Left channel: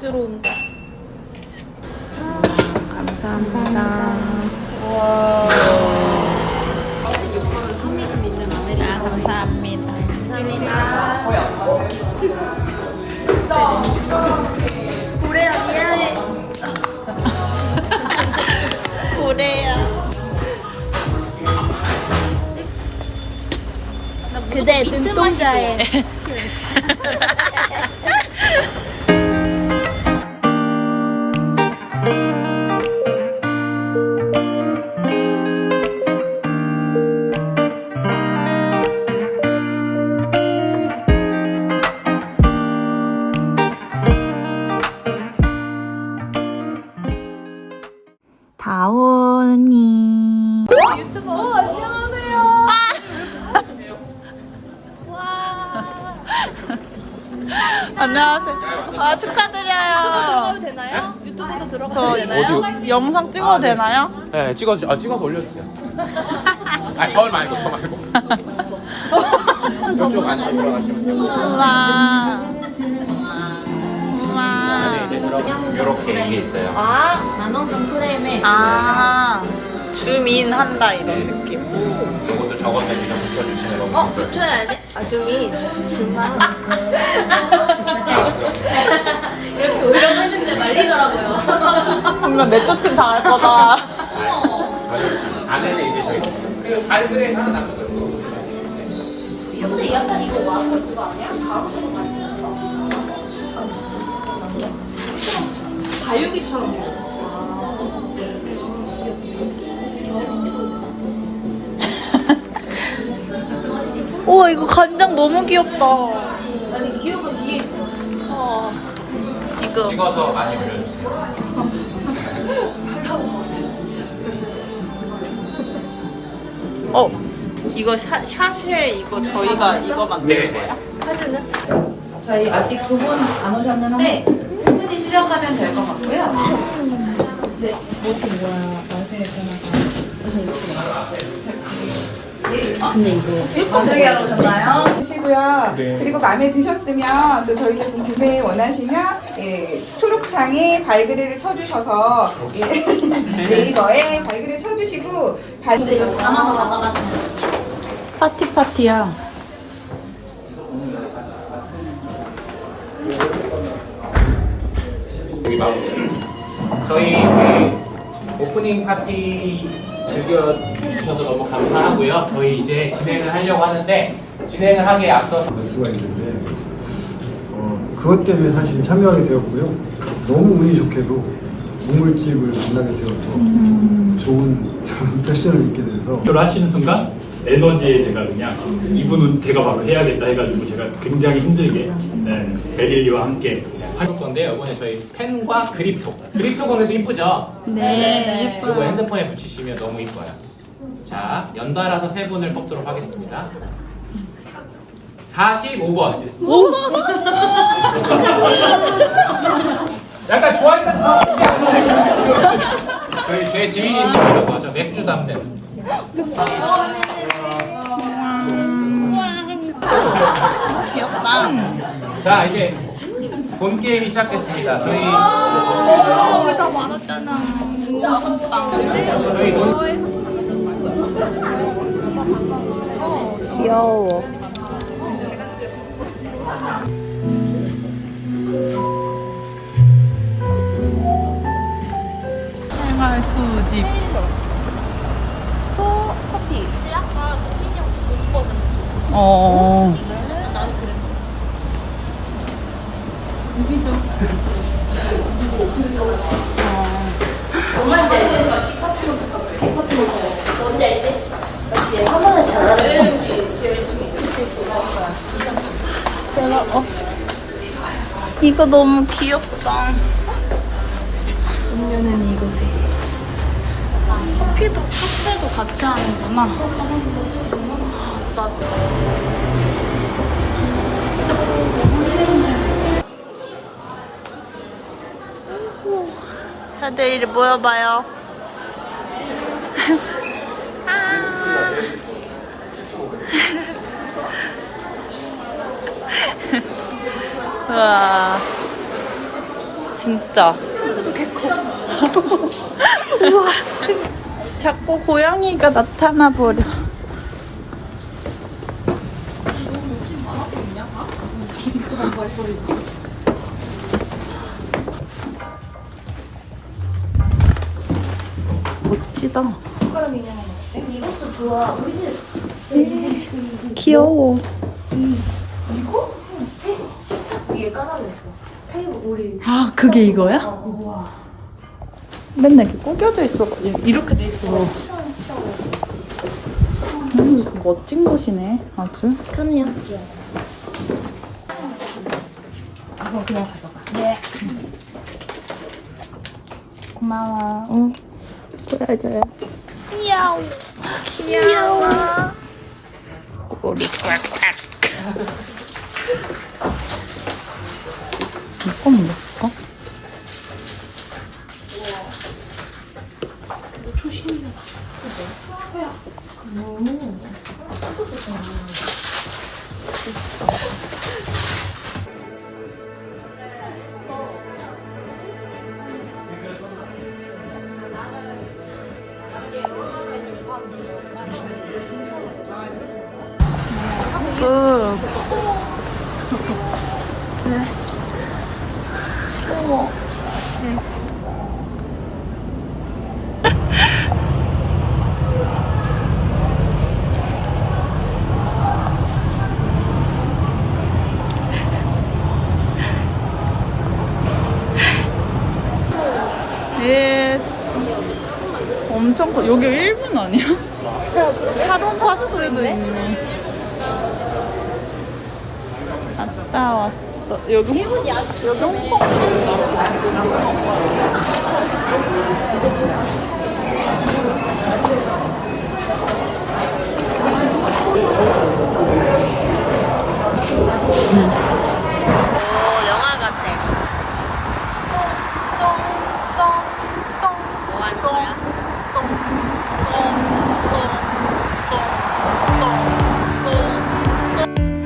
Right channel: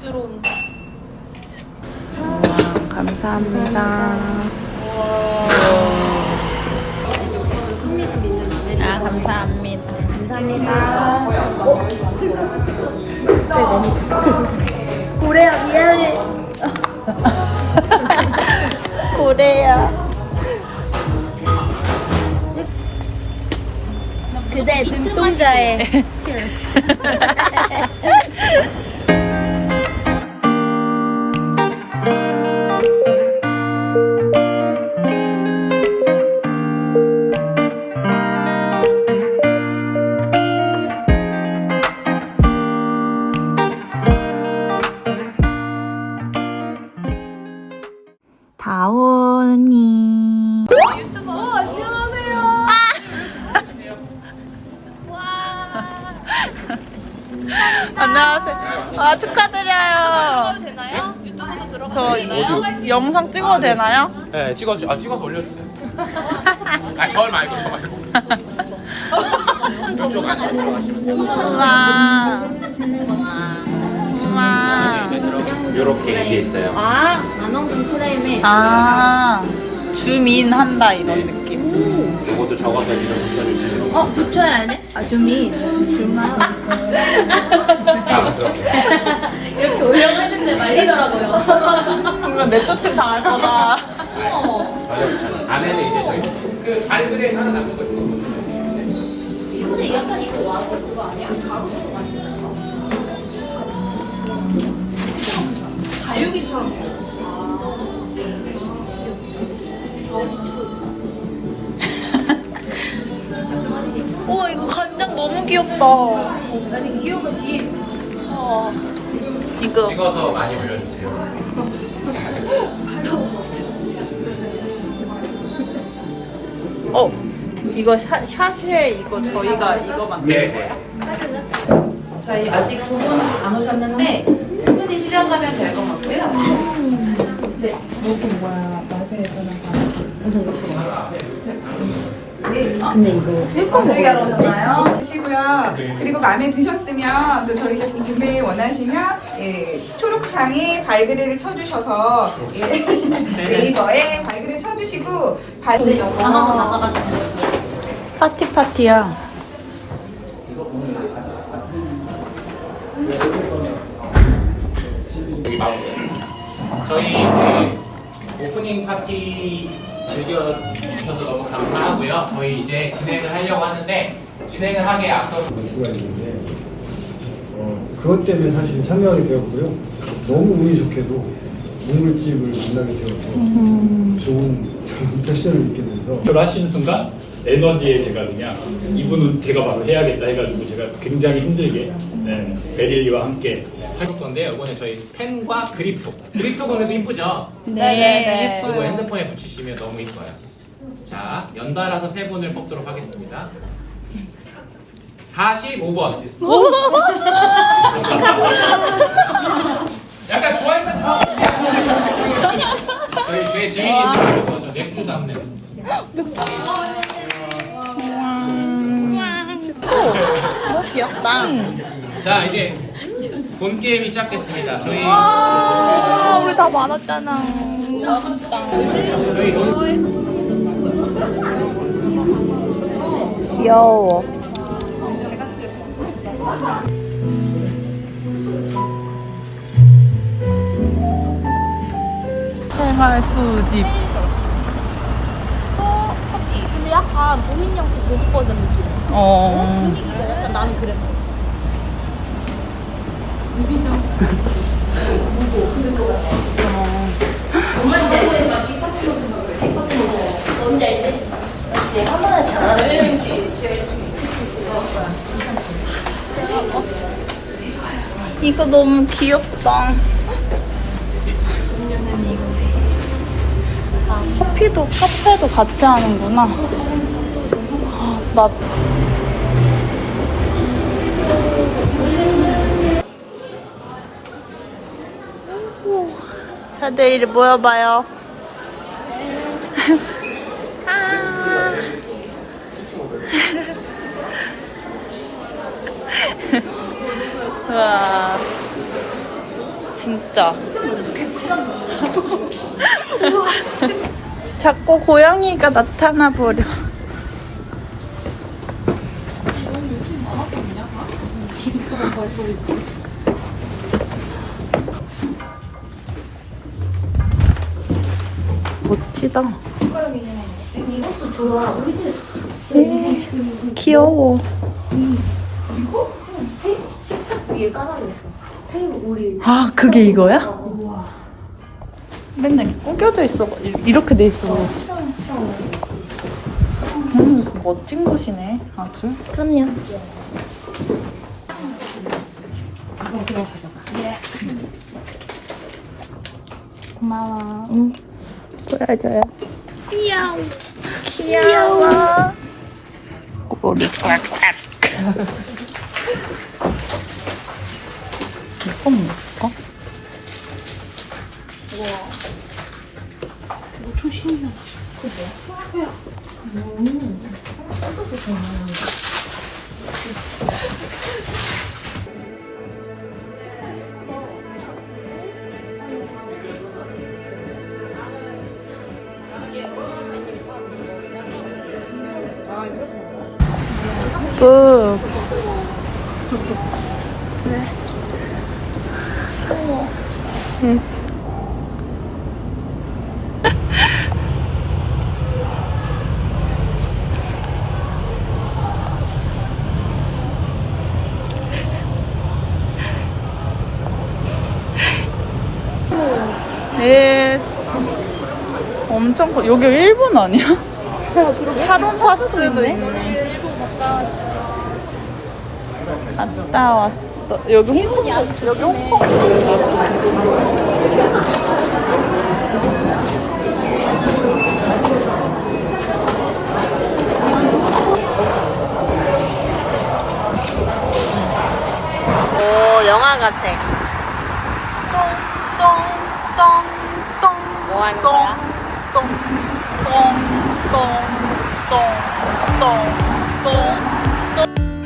들어온다. 우와, 감사합니다. 아, 감사합니다. 감사합니다. 고래야 미안해. 고래야. 그대 눈동자에 아, 축하드려요. 들어가도 되나요? 유튜브도 들어가도 저 되나요? 영상 찍어도 되나요? 네, 찍어주, 아, 찍어서 올려주세요. 아, 저 말고, 저 말고. 이쪽 안에 들어가시면 우와. 우와. 이제 들어가. 요렇게 이게 있어요. 아, 만원분 프레임에 아, 주민 한다 이런 느낌. 요것도 적어서 이거 붙여주시면 너무 어, 붙여야 돼? 아, 준비. 이렇게 올려했는데 말리더라고요. 그러면 내쫓음 당할 거다. 안에는 이제 저기 근데 약간 이거 와, 그거 아니야? 가로수로. 다육이처럼 생겼어. 우와, 이거 간장 너무 귀엽다. 이거. 찍어서 많이 올려주세요. 어. 이거 샤, 샤쉐 이거 저희가 이거 만든 네. 거예요. 저희 아직 두 분 안 오셨는데 충분히 시작하면 될 것 같고요. 드시고요. 그리고 마음에 드셨으면 또 저희 제품 구매 원하시면 예, 초록창에 발그레를 쳐주셔서 예, 네이버에 발그레 쳐주시고 발 담아서 가져가세요. 파티 파티야. 저희 그 오프닝 파티 즐겨주셔서 너무 감사하고요. 저희 이제 진행을 하려고 하는데 진행을 하기에 앞서서 수가 있는데 어, 그것 때문에 사실 참여하게 되었고요. 너무 운이 좋게도 우물집을 만나게 되어서 좋은 좋은 패션을 입게 돼서 를 하시는 순간 에너지에 제가 그냥 이분은 제가 바로 해야겠다 해가지고 제가 굉장히 힘들게 네, 베릴리와 함께 할 건데 이번에 저희 펜과 그립톡. 그립톡은 그래도 이쁘죠? 네, 그리고 핸드폰에 붙이시면 너무 이뻐요. 자, 연달아서 세 분을 뽑도록 하겠습니다. 45번. 약간 좋아했던 거. 저희 제 지인이 저 맥주 담네. 너무 귀엽다. 자, 이제 본 게임이 시작됐습니다. 저희 우리 다 많았잖아. 저희 논 귀여워. 생활 수집. 스토 커피. 근데 약간 고민형 그런 거는 어. 난 그랬어. 이거 너무 귀엽다. 아, 커피도 카페도 같이 하는구나. 아, 나 다들 모여봐요. 아 와 진짜. 자꾸 고양이가 나타나 버려. 너무 욕심 많았거든요. 멋지다. 이것도 좋아. 우리 집 귀여워. 위에 까마귀였어. 테이블 우리 아, 그게 이거야? 맨날 이렇게 구겨져 있어. 이렇게 돼 있어. 음, 멋진 곳이네. 아주. 그럼요. 고마워. 응. 보여줘요. 귀여워. 귀여워. 꼬리 꽉꽉. 이건 뭘까? 끝. 네. 예. 엄청 커. 여기 일본 아니야? 샤론 파스도 있네. 갔다 왔어. 여기 홍콩, 여기 홍콩. 오, 영화 같아. 똥똥똥똥. 뭐 하는 거야? 똥똥똥똥똥똥똥똥.